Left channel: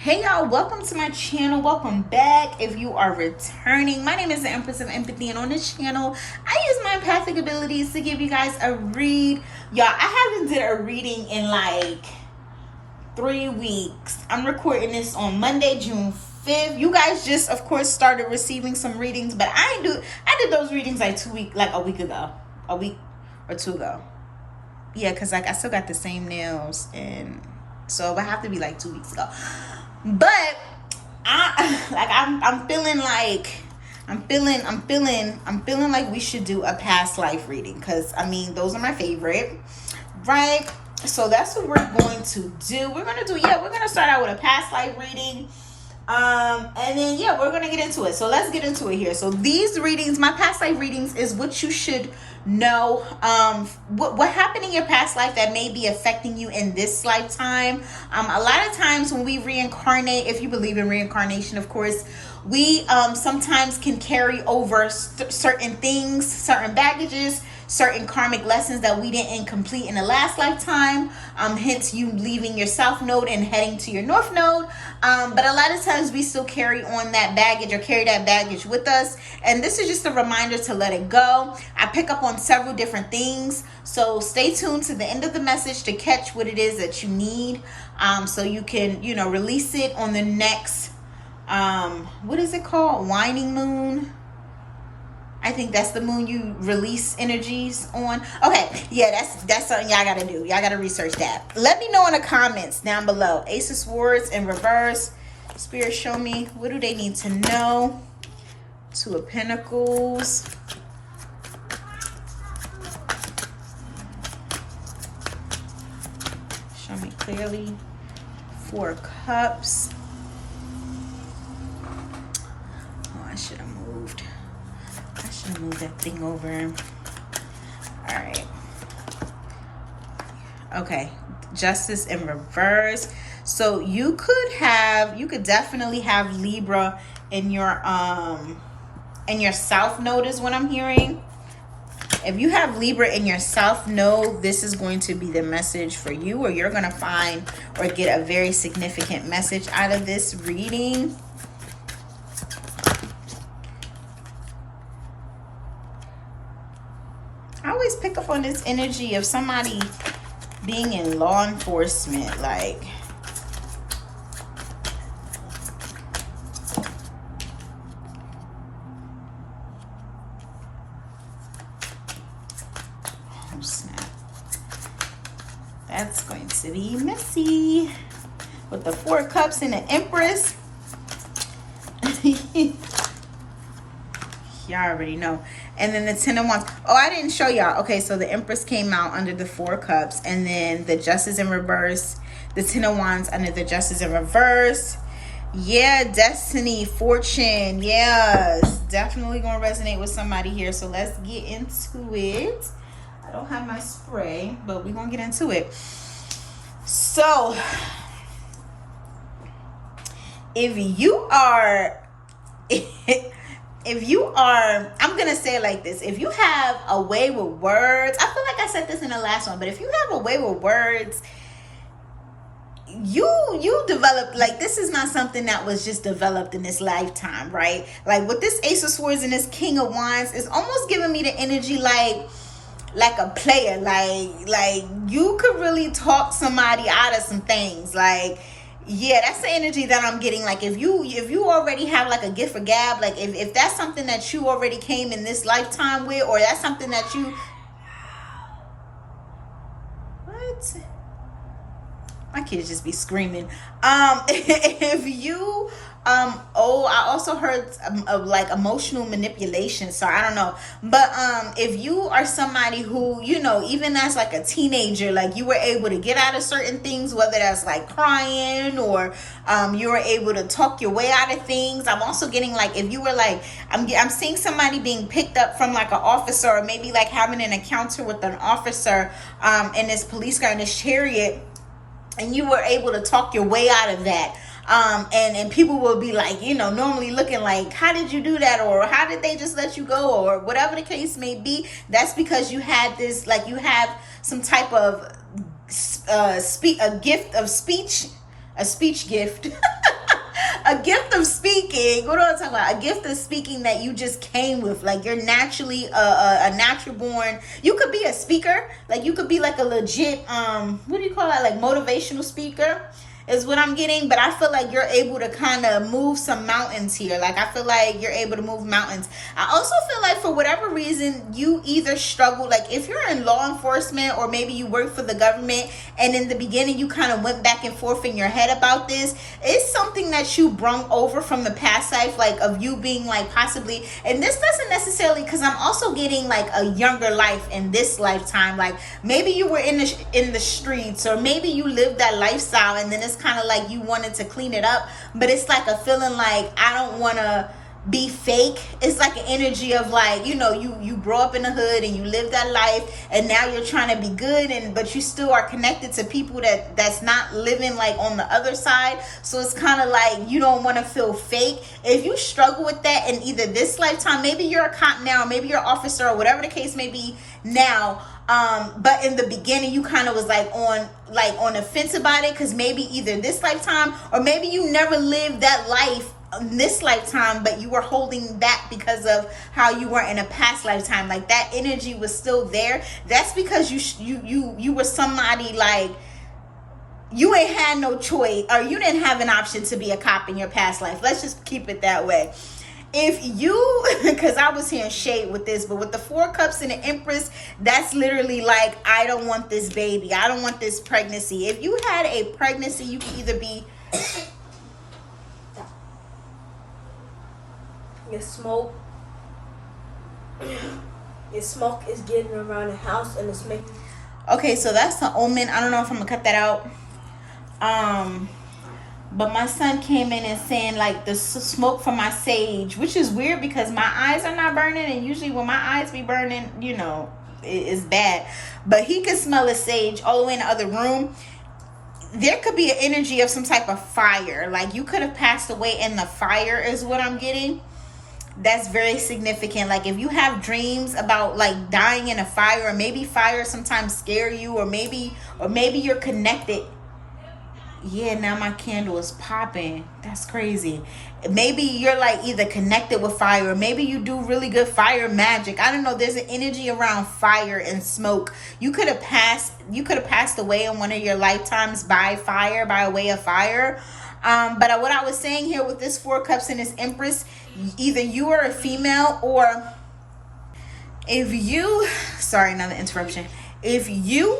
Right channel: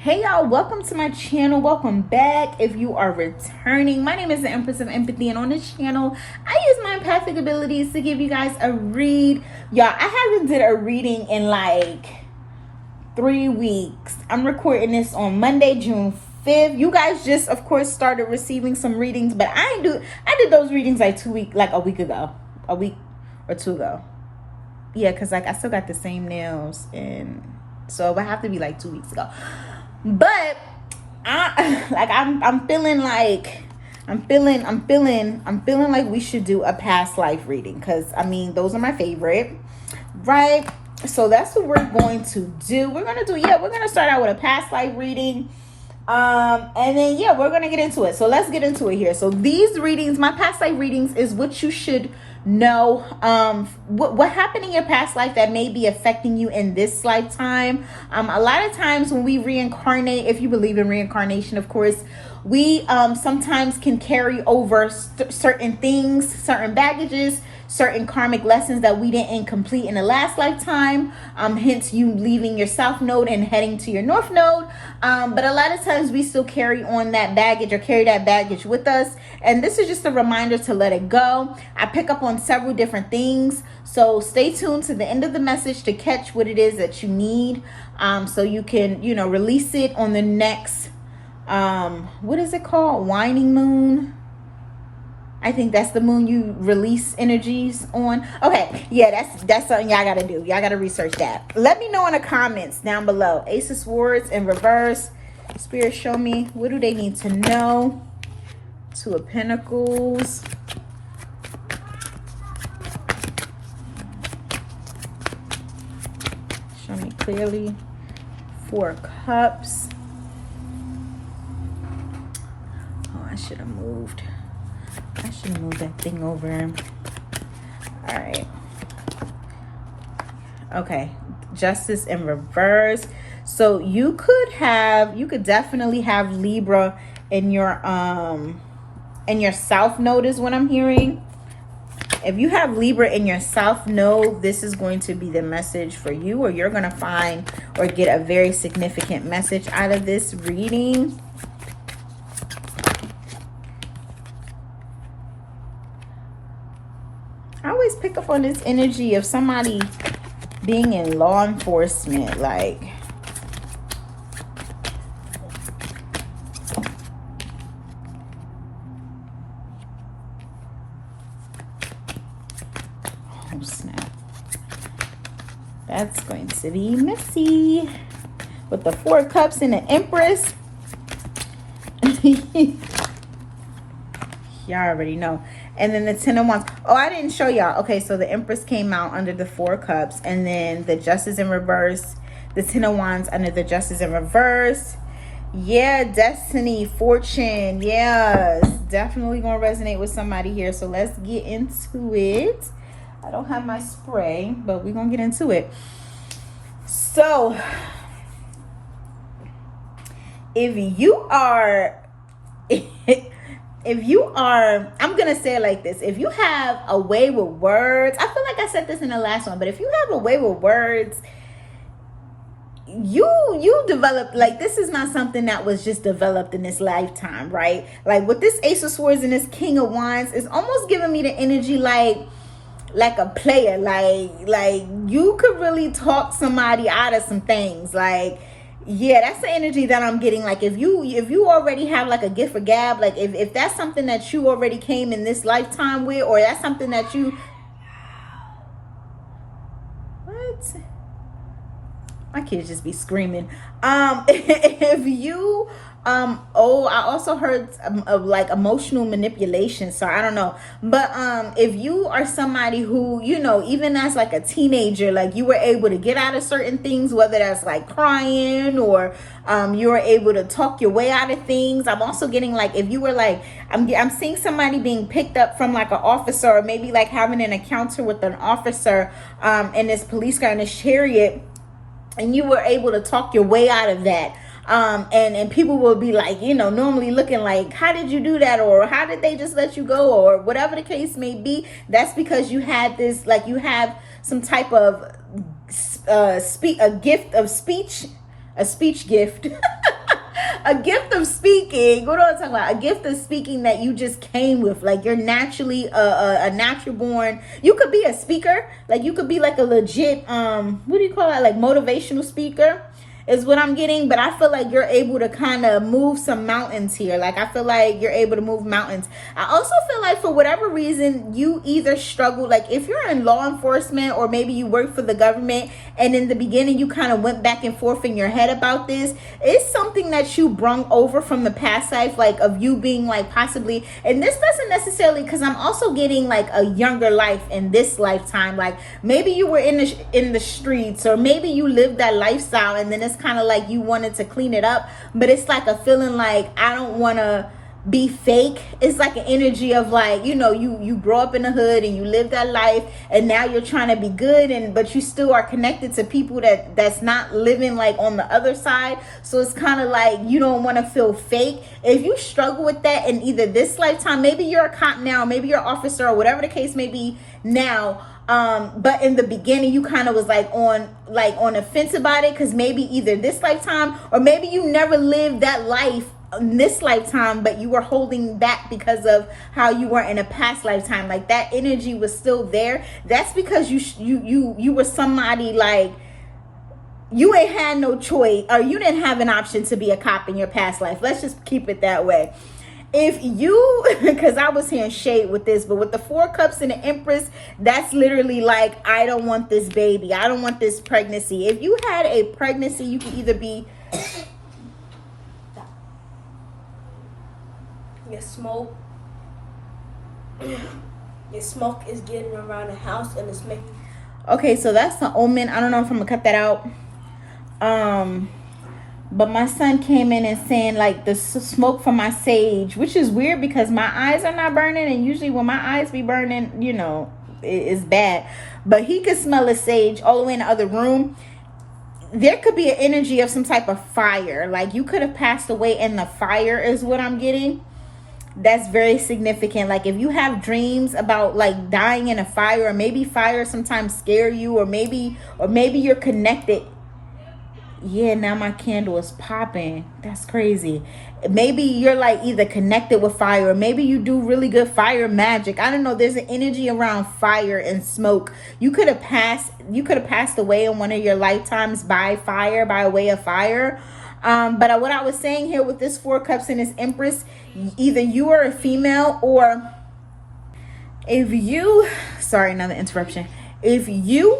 Hey y'all, welcome to my channel. Welcome back if you are returning. My name is the Empress of Empathy, and on this channel I use my empathic abilities to give you guys a read. Y'all, I haven't did a reading in like 3 weeks. I'm recording this on Monday, June 5th. You guys just of course started receiving some readings, but I did those readings like a week ago. A week or two ago. Yeah, because like I still got the same nails, and so it would have to be like 2 weeks ago. But I'm feeling like we should do a past life reading, because I mean those are my favorite, right? So that's what we're going to do. We're gonna start out with a past life reading. And then we're gonna get into it. So let's get into it here. So these readings, my past life readings, is what you should know. What happened in your past life that may be affecting you in this lifetime. A lot of times when we reincarnate, if you believe in reincarnation, of course, we sometimes can carry over certain things, certain baggages, certain karmic lessons that we didn't complete in the last lifetime, hence you leaving your south node and heading to your north node. But a lot of times we still carry on that baggage, or carry that baggage with us, and this is just a reminder to let it go. I pick up on several different things, so stay tuned to the end of the message to catch what it is that you need, so you can release it on the next what is it called, waning moon. I think that's the moon you release energies on. Okay, yeah, that's something y'all gotta do. Y'all gotta research that. Let me know in the comments down below. Ace of Swords in reverse. Spirit, show me, what do they need to know? Two of Pentacles. Show me clearly. Four of Cups. Oh, I should have moved. I should have moved that thing over. All right. Okay. Justice in reverse. So you could definitely have Libra in your south node is what I'm hearing. If you have Libra in your south node, this is going to be the message for you, or you're going to find or get a very significant message out of this reading. I always pick up on this energy of somebody being in law enforcement, like oh snap, that's going to be messy with the Four of Cups and the Empress. Y'all already know. And then the Ten of Wands. Oh, I didn't show y'all. Okay, so the Empress came out under the Four of Cups, and then the Justice in reverse, the Ten of Wands under the Justice in reverse. Yeah, destiny, fortune. Yes, definitely gonna resonate with somebody here. So let's get into it. I don't have my spray, but we're gonna get into it. So if you are I'm gonna say it like this: if you have a way with words, I feel like I said this in the last one, but if you have a way with words, you develop, like, this is not something that was just developed in this lifetime, right? Like with this Ace of Swords and this King of Wands, is almost giving me the energy like a player, like you could really talk somebody out of some things. Like, yeah, that's the energy that I'm getting. Like if you already have like a gift for gab, like if that's something that you already came in this lifetime with, or that's something that you, what, my kids just be screaming. If you oh, I also heard of like emotional manipulation, so I don't know, but if you are somebody who, even as like a teenager, like you were able to get out of certain things, whether that's like crying, or you were able to talk your way out of things. I'm also getting like, if you were like, I'm seeing somebody being picked up from like an officer, or maybe like having an encounter with an officer in this police car, in this chariot, and you were able to talk your way out of that. And people will be like, normally looking like, how did you do that? Or how did they just let you go? Or whatever the case may be. That's because you had this, like, you have some type of a gift of speech, a speech gift a gift of speaking. What am I talking about? A gift of speaking that you just came with. Like you're naturally a natural born. You could be a speaker. Like you could be like a legit what do you call that? Like motivational speaker is what I'm getting. But I feel like you're able to kind of move some mountains here. Like I feel like you're able to move mountains. I also feel like for whatever reason you either struggle, like if you're in law enforcement or maybe you work for the government, and in the beginning you kind of went back and forth in your head about this. It's something that you brung over from the past life, like of you being like possibly, and this doesn't necessarily, because I'm also getting like a younger life in this lifetime. Like maybe you were in the streets, or maybe you lived that lifestyle and then it's kind of like you wanted to clean it up, but it's like a feeling like I don't want to be fake. It's like an energy of like, you know, you grow up in the hood and you live that life, and now you're trying to be good, and but you still are connected to people that's not living like on the other side. So it's kind of like you don't want to feel fake. If you struggle with that in either this lifetime, maybe you're a cop now, maybe you're an officer, or whatever the case may be now, but in the beginning you kind of was like on the fence about it, because maybe either this lifetime or maybe you never lived that life in this lifetime, but you were holding back because of how you were in a past lifetime. Like that energy was still there. That's because you were somebody, like you ain't had no choice, or you didn't have an option to be a cop in your past life. Let's just keep it that way. If you, because I was hearing shade with this, but with the 4 cups and the Empress, that's literally like, I don't want this baby, I don't want this pregnancy. If you had a pregnancy, you could either be Your smoke is getting around the house and it's making. Okay, so that's the omen. I don't know if I'm gonna cut that out. But my son came in and saying like the smoke from my sage, which is weird because my eyes are not burning, and usually when my eyes be burning, you know, it's bad. But he could smell a sage all the way in the other room. There could be an energy of some type of fire. Like you could have passed away in the fire is what I'm getting. That's very significant. Like if you have dreams about like dying in a fire, or maybe fire sometimes scare you, or maybe you're connected. Yeah, now my candle is popping. That's crazy. Maybe you're like either connected with fire, or maybe you do really good fire magic. I don't know. There's an energy around fire and smoke. You could have passed away in one of your lifetimes by fire, by way of fire. But what I was saying here with this 4 cups and this Empress, either you are a female, or if you, sorry, another interruption. If you,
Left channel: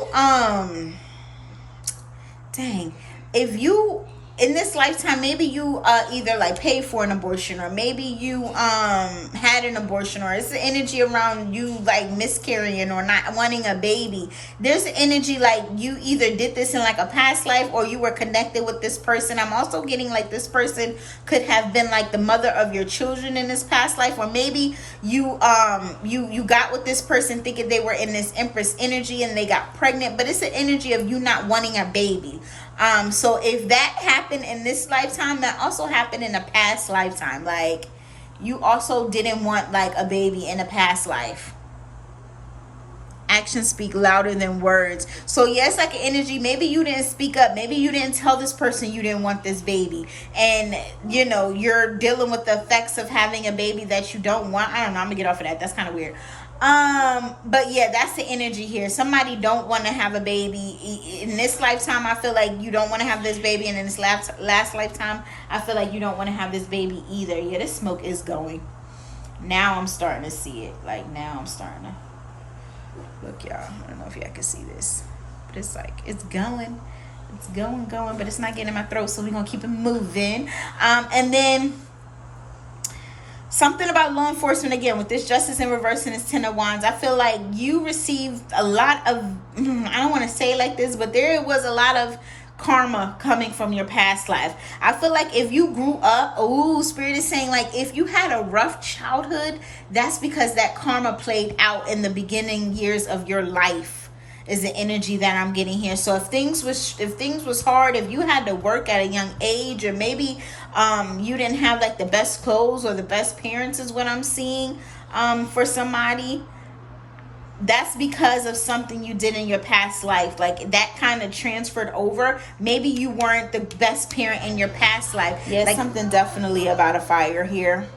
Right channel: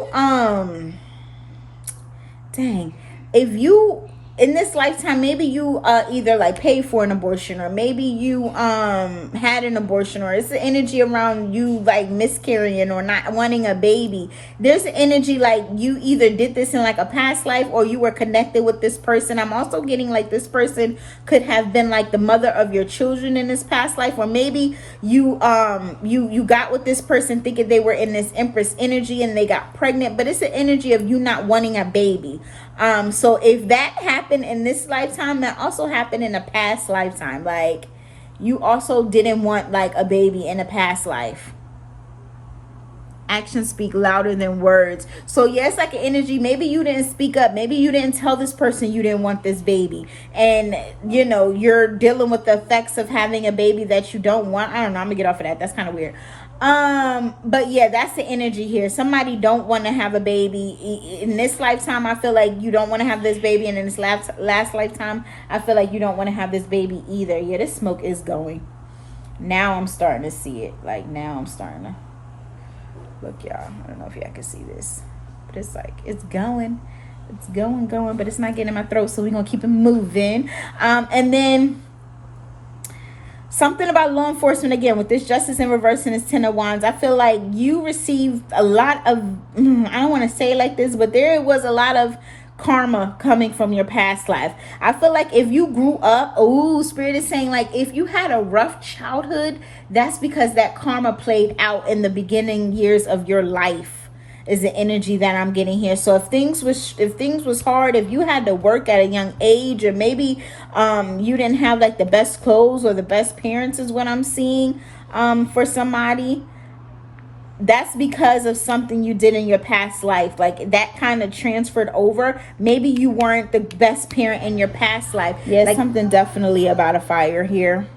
if you in this lifetime, maybe you either like paid for an abortion, or maybe you had an abortion, or it's the energy around you like miscarrying or not wanting a baby. There's an energy like you either did this in like a past life, or you were connected with this person. I'm also getting like this person could have been like the mother of your children in this past life, or maybe you got with this person thinking they were in this Empress energy and they got pregnant, but it's an energy of you not wanting a baby. So if that happened in this lifetime, that also happened in a past lifetime. Like you also didn't want like a baby in a past life. Actions speak louder than words. So yes, like an energy, maybe you didn't speak up, maybe you didn't tell this person you didn't want this baby, and you know you're dealing with the effects of having a baby that you don't want. I don't know, I'm gonna get off of that. That's kind of weird. But yeah, that's the energy here. Somebody don't want to have a baby in this lifetime. I feel like you don't want to have this baby, and in this last lifetime, I feel like you don't want to have this baby either. Yeah, this smoke is going. Now I'm starting to see it. Like now I'm starting to look, y'all. I don't know if y'all can see this, but it's like it's going. It's going, but it's not getting in my throat. So we're gonna keep it moving. And then something about law enforcement again with this Justice in reverse and this 10 of Wands. I feel like you received a lot of, I don't want to say it like this, but there was a lot of karma coming from your past life. I feel like if you grew up, Spirit is saying like if you had a rough childhood, that's because that karma played out in the beginning years of your life. Is the energy that I'm getting here. So if things was hard, if you had to work at a young age, or maybe you didn't have like the best clothes or the best parents, is what I'm seeing for somebody. that's because of something you did in your past life. Like that kind of transferred over. Maybe you weren't the best parent in your past life. Yeah, like something definitely about a fire here.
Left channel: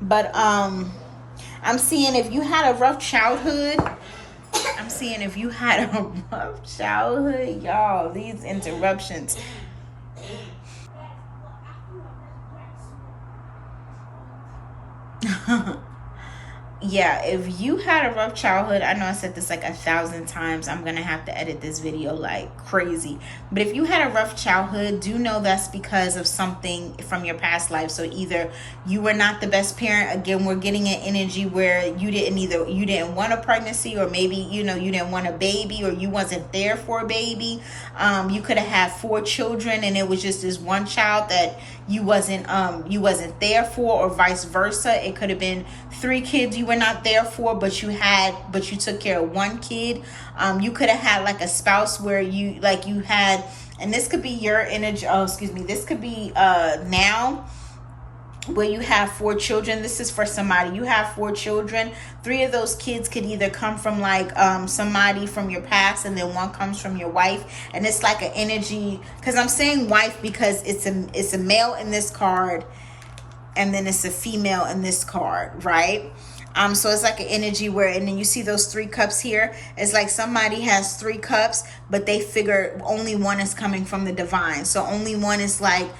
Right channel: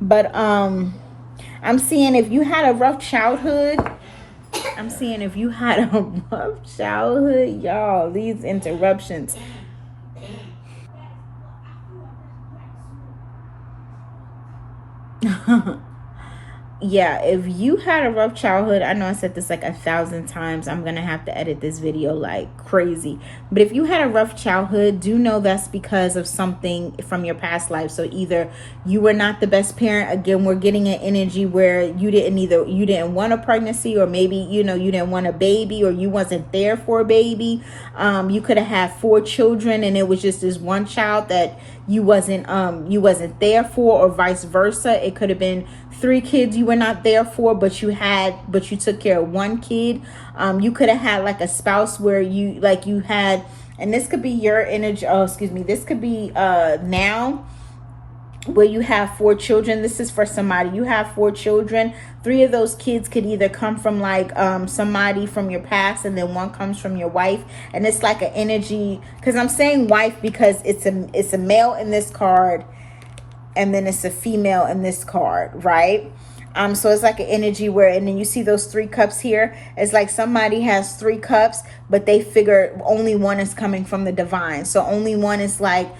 But I'm seeing if you had a rough childhood. Y'all, these interruptions. Yeah, if you had a rough childhood, I know I said this like 1,000 times. I'm gonna have to edit this video like crazy. But if you had a rough childhood, do know that's because of something from your past life. So either you were not the best parent. Again, we're getting an energy where you didn't want a pregnancy, or maybe you didn't want a baby, or you wasn't there for a baby. You could have had 4 children and it was just this one child that you wasn't there for, or vice versa. It could have been 3 kids you were not there for, but you took care of 1 kid. You could have had like a spouse where you had, and this could be your energy. Oh, excuse me. This could be now where you have 4 children. This is for somebody. You have 4 children. 3 of those kids could either come from like somebody from your past, and then 1 comes from your wife. And it's like an energy, because I'm saying wife because it's a male in this card, and then it's a female in this card, right? So it's like an energy where, and then you see those 3 cups here. It's like somebody has 3 cups, but they figure only 1 is coming from the divine. So only 1 is like,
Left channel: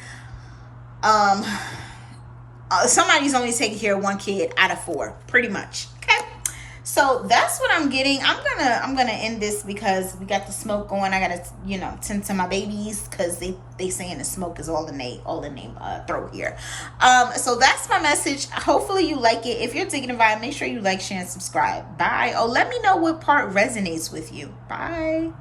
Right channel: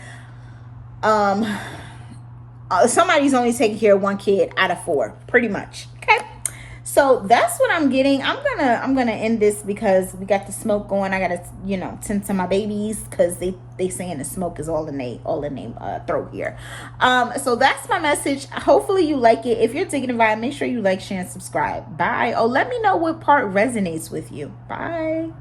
somebody's only taking care of 1 kid out of 4, pretty much. Okay, so that's what I'm getting. I'm gonna end this because we got the smoke going. I gotta tend to my babies because they saying the smoke is all in their throat here. So that's my message. Hopefully you like it. If you're digging the vibe, make sure you like, share, and subscribe. Bye. Oh, let me know what part resonates with you. Bye.